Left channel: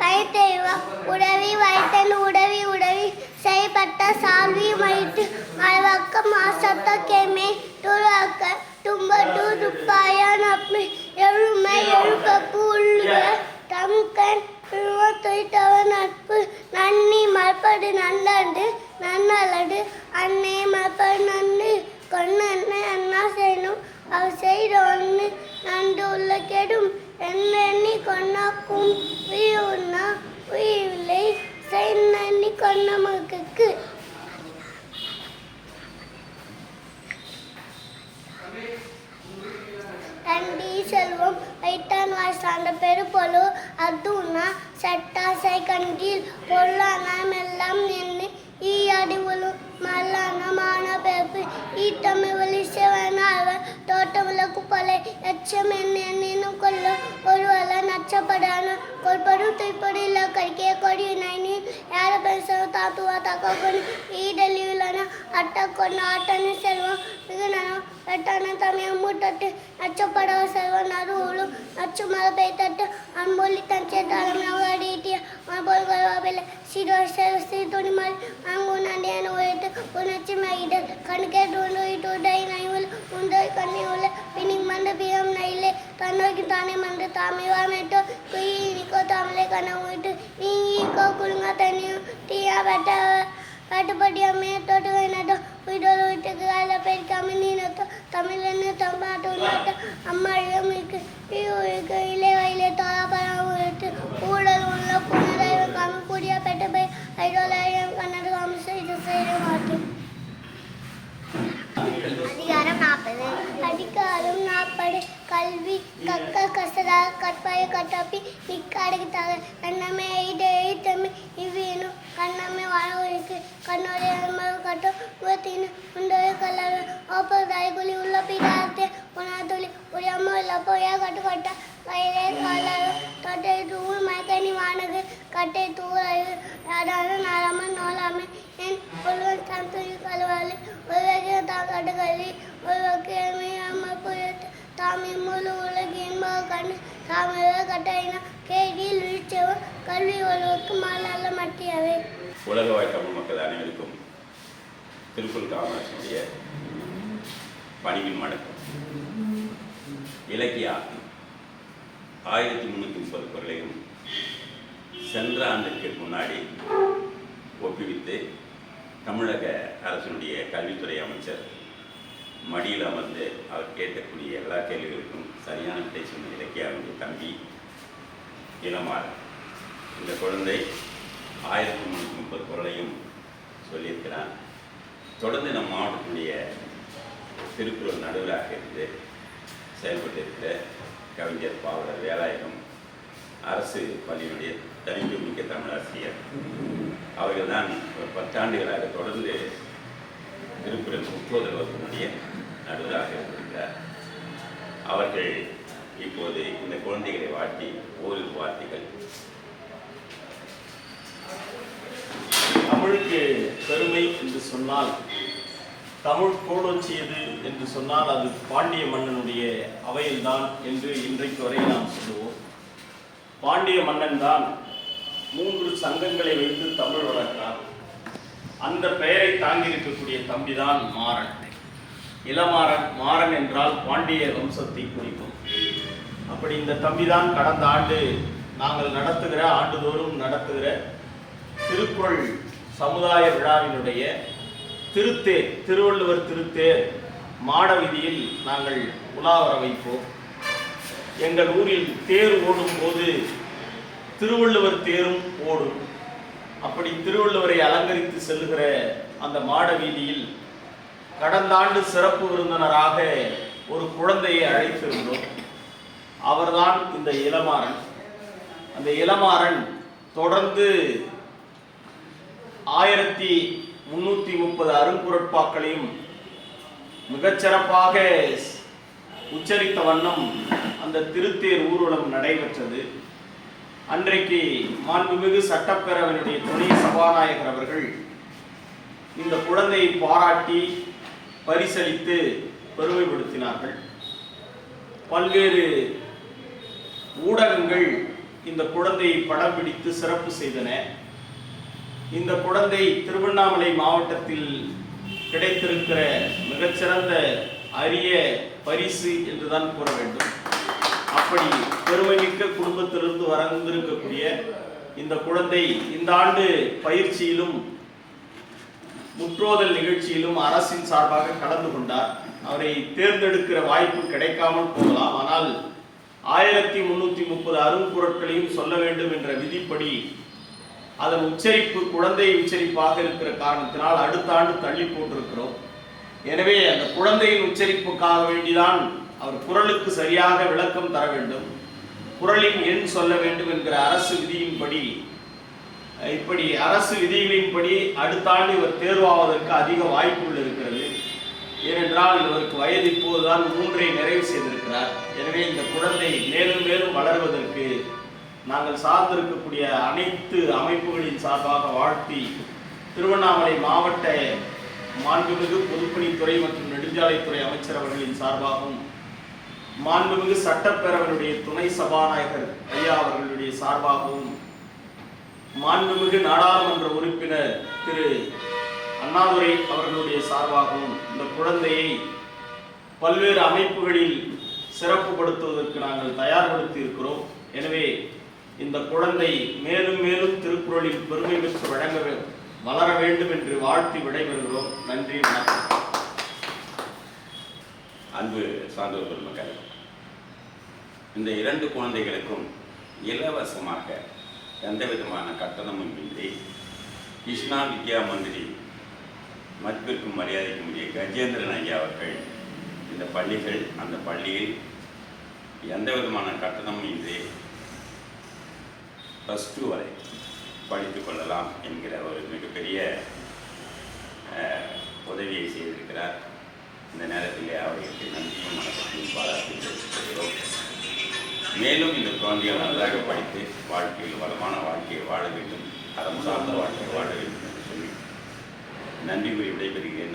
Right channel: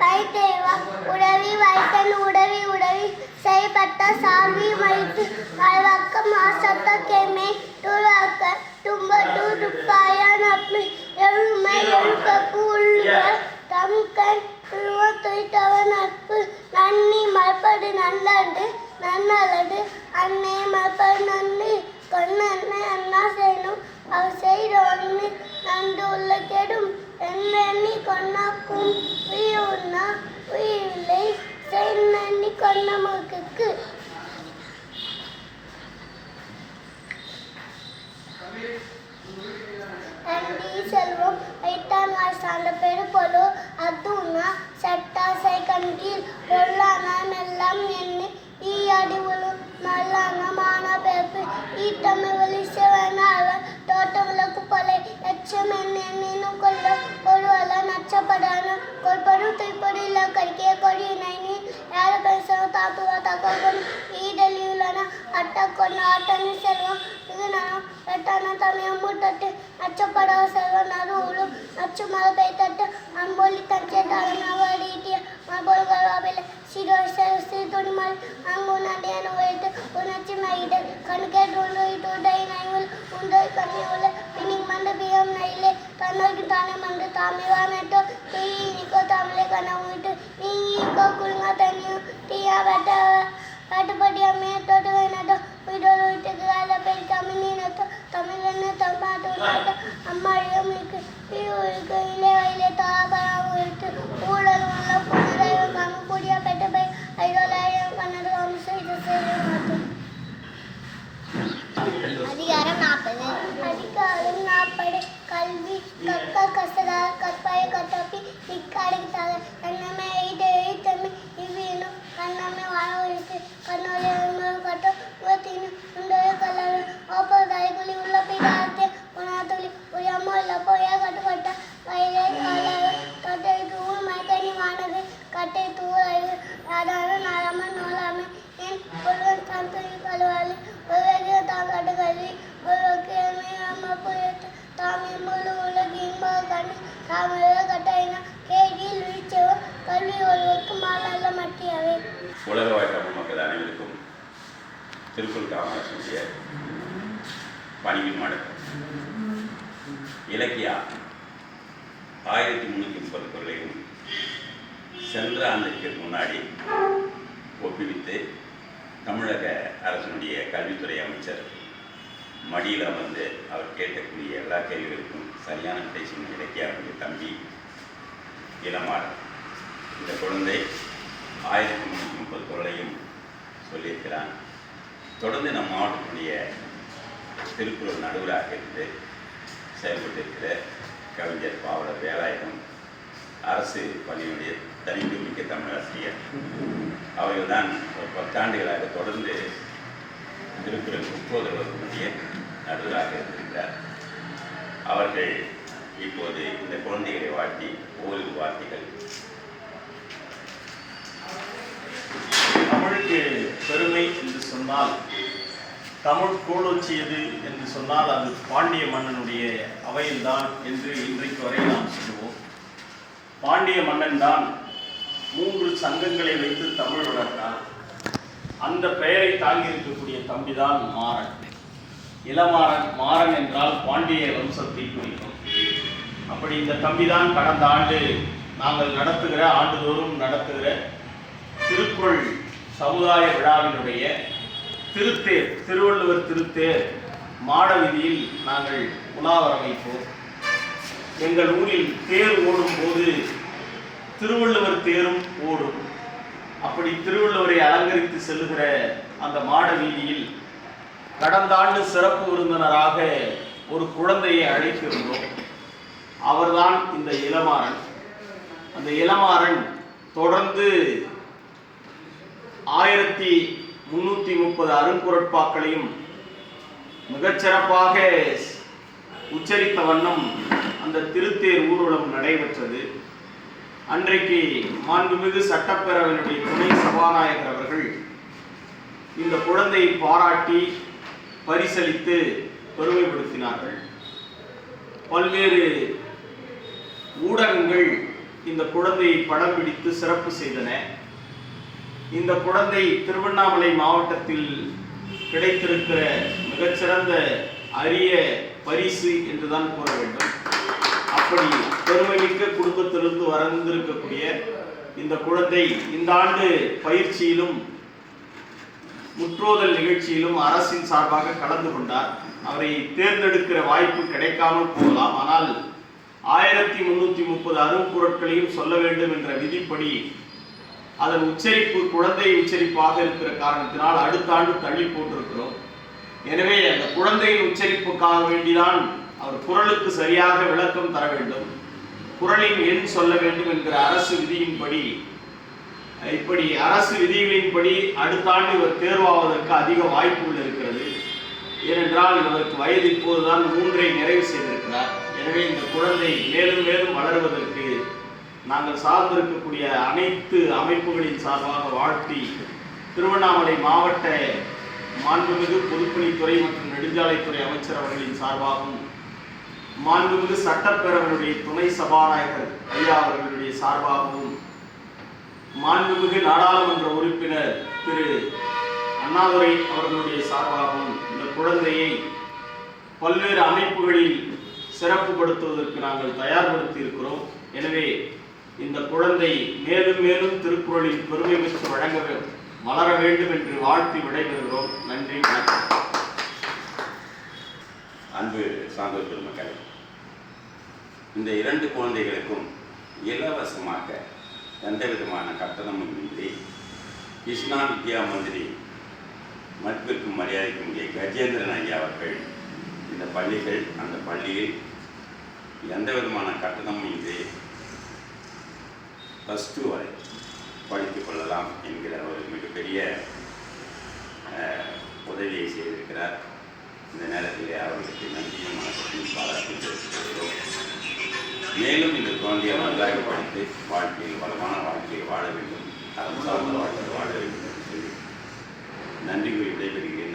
வைத்தேவா? உடவி வைத்தன் உடவி உடவி செய்யப்பட்ட சாமி வைத்து அழவக்க மாசத்த கேமே துறக்க தும்ப துப்பாய अच्छे मेहनत कर लो, और वाला अच्छा पढ़ाना। और पढ़ो तो ही पढ़ी ला करके, कोई नहीं नहीं। यार, पैसा ताप तो हुआ ताकत बनी ई डली అట్టకొన్న అట్టని సెలవు ఎట్టన తన ముట్టట్టు. నచ్చపడవ సెలవు నరువులు నచ్చు మొదలపెట్టట్టు అంబోలి తంచేటాలని అవడీటి. అంబోలు గర్వాబిల శిరో స్థితుని మరి అంగున నేను వేటు. ఉనచ్చి మగిట కనుకే డోలు ఇటు డై నైవులు. ఉండోయి కన్నీ ఉల పినికి మంద బియ్యం నైలే. తనకి తానే మంద తామివానట్టు. తీకో తామలే కనవుంటు నీకో కులుమ తను తీయబట్ట కట్టుబడి అమ్మే తోట వేనతో వీడియోలు ఇటుకు గాల పెట్టి కమ్మినతో తమిళను తమ్మాటు నాట அதான நாளாம நோலாமே. என் பொருள் கம்பெனி கலவாளி உலகிய தாங்கட்டுகளி உலகியமே அம்மா புயத்து தாமே முழு உலகின் கண்ணு தாமே கட்டாயினா கேகில் விழிச்சவ கல்வி ஒழுவுக்கு மாலால மட்டியவை. உலக வாய்ப்பு மக்கள் அனைவருக்கும் திருக்குள் காமராஜனுடைய பணிவின் வணக்கம். இலக்கியா ஆயிரத்தி முன்னூற்றி முப்பது குரலையும் சென்ற ஆண்டுக்கு முன்னாடி ஒப்புவித்து தமிழக அரசினுடைய கல்வித்துறை அமைச்சர் மடியில் வந்து அவர் கேட்கக்கூடிய எல்லா கேள்விகளுக்கும் சரியான விடை சொன்ன இலக்கியாவுடைய தம்பி இளமாறன். இந்த குழந்தை ஆயிரத்தி முந்நூற்றி முப்பது குரலையும் சொல்லியிருக்கிறான். தொடர்ந்து நம் மாவட்டத்துடைய திருக்குறள் நடுவராக இருந்து செயல்பட்டிருக்கிற கவிஞர் பாவலர் வேலாயுதம் அரசு பள்ளியினுடைய தனித்துமிக்க தமிழாசிரியர் அவர்கள் தான் ஒரு பத்தாண்டுகளாக தொடர்ந்து திருக்குறள் முப்பது வகுப்பினுடைய நடுவராக இருந்திருக்கிறார். அவர்கள் இப்போது இந்த குழந்தைகளை வாழ்த்தி ஓரிரு வார்த்தைகள். தமிழுக்கு பெருமை என்று சொன்னால் தமிழ் கோலோச்சியது என்று சொன்னால் அது பாண்டிய மன்னனுடைய அவையில்தான் என்று இன்றைக்கு வரை நாம் சொல்லுவோம். பாண்டிய மன்னன் தான் மூன்று சங்கங்களை வைத்து தமிழ் வளர்த்தார். அந்த பெயரை தாங்கி இருக்கக்கூடிய தம்பிதான் மாறன். இளமாறன் மாறன் என்றால் பாண்டிய வம்சத்தை குறிக்கும். அப்படி இந்த தம்பிதான் கடந்த ஆண்டு நாங்கள் நடத்துகிற ஆண்டுதோறும் நடத்துகிற திருக்குறள் சமுதாய விழாவினுடைய திருத்தேர் திருவள்ளுவர் திருத்தேர் மாடவீதியில் நாங்கள் உலாவர வைப்போம். எங்கள் ஊரில் தேர் ஓடும் போது திருவள்ளுவர் தேரும் ஓடும். அப்படி திருவள்ளுவரை அலங்கரித்து செல்லுகிற அந்த மாட வீதியில் கடந்த ஆண்டு சிறப்பு விருந்தினராக ஒரு குழந்தையை அழைத்திருந்தோம். அவர்தான் இந்த இளமாறன். அந்த இளமாறன் தொடர்ந்து ஆயிரத்தி முன்னூத்தி முப்பது அருங்குரட்பாக்களையும் மிகச்சிறப்பாக உச்சரித்த வண்ணம் அந்த திருத்தேர் ஊர்வலம் நடைபெற்றது. அன்றைக்கு மாண்புமிகு சட்டப்பேரவையினுடைய துணை சபாநாயகர் அவர்கள் இந்த குழந்தையை பாராட்டி பரிசளித்து பெருமைப்படுத்தினார்கள் பல்வேறு ஊடகங்கள் இந்த குழந்தையை படம் பிடித்து சிறப்பு செய்தன. இந்த குழந்தை திருவண்ணாமலை மாவட்டத்தில் கிடைத்திருக்கிற மிகச்சிறந்த அரிய பரிசு என்றுதான் கூற வேண்டும். அப்படி பெருமைமிக்க குடும்பத்திலிருந்து வரந்திருக்கக்கூடிய இந்த குழந்தை இந்த ஆண்டு பயிற்சியிலும் முற்றோதல் நிகழ்ச்சியிலும் அரசின் சார்பாக கலந்து கொண்டார். அவரை தேர்ந்தெடுக்கிற வாய்ப்பு கிடைக்காமல் போகலாம். ஆனால் ஆயிரத்தி முன்னூற்றி முப்பது அரும்பொருட்களையும் சொல்ல வேண்டும் என்ற விதிப்படி அதன் உச்சரிப்பு குழந்தை உச்சரிப்பாக இருக்கிற காரணத்தினால் அடுத்த ஆண்டு தள்ளி போட்டிருக்கிறோம். எனவே அந்த குழந்தையின் உச்சரிப்புக்காக வேண்டிதான் அவர் குரலுக்கு சரியாக விளக்கம் தர வேண்டும். குரலின் எண் சொல்ல வேண்டும் என்கிற அரசு விதியின்படி இப்படி அரசு விதிகளின்படி அடுத்த ஆண்டு இவர் தேர்வாவதற்கு அதிக வாய்ப்புகள் இருக்கிறது. ஏனென்றால் இவருக்கு வயது இப்போதுதான் மூன்றை நிறைவு செய்திருக்கிறார். எனவே இந்த குழந்தை மேலும் மேலும் வளர்வதற்கு நாங்கள் சார்ந்திருக்கக்கூடிய அனைத்து அமைப்புகளின் சார்பாக வாழ்த்தி திருவண்ணாமலை மாவட்ட மாண்புமிகு பொதுப்பணித்துறை மற்றும் நெடுஞ்சாலைத்துறை அமைச்சர் அவர்களின் சார்பாகவும் மாண்புமிகு சட்டப்பேரவையுடைய துணை சபாநாயகர் ஐயா அவர்களுடைய சார்பாகவும் மாண்புமிகு நாடாளுமன்ற உறுப்பினர் திரு. அண்ணாதுரை அவர்களுடைய சார்பாகவும் இந்த குழந்தையை பல்வேறு அமைப்புகளில் சிறப்புப்படுத்துவதற்கு நாங்கள் தயார்படுத்தி இருக்கிறோம் எனவே இந்த குழந்தை மேலும் மேலும் திருக்குறளின் பெருமை பெற்று வழங்க வளர வேண்டும் என்று வாழ்த்தி விடைபெறுகிறோம். நன்றி வணக்கம். அன்பு சான்றோர் பெருமக்கள் இந்த இரண்டு குழந்தைகளுக்கும் இலவசமாக எந்த விதமான கட்டணமும் இன்றி கிருஷ்ணா வித்யா மந்திரி மதிப்பிற்கும் மரியாதைக்கும் உரிய கஜேந்திரன் ஐயா அவர்கள் இந்த பள்ளிகள் அந்த பள்ளியில் எந்த விதமான கட்டணமும் இன்றி ப்ளஸ் டூ வரை படித்துக் கொள்ளலாம் என்கிற ஒரு மிகப்பெரிய உதவியை செய்திருக்கிறார். இந்த நேரத்திலே அவர்களுக்கு நன்றியும் வணக்கத்தையும் பாராட்டி மேலும் இந்த குழந்தையை நன்றாக படித்து வாழ்க்கையில் வளமான வாழ்க்கையை வாழ வேண்டும். அறம் சார்ந்த வாழ்க்கையை வாழ வேண்டும் என்று சொல்லி நன்றி கூறி விடைபெறுகிறேன்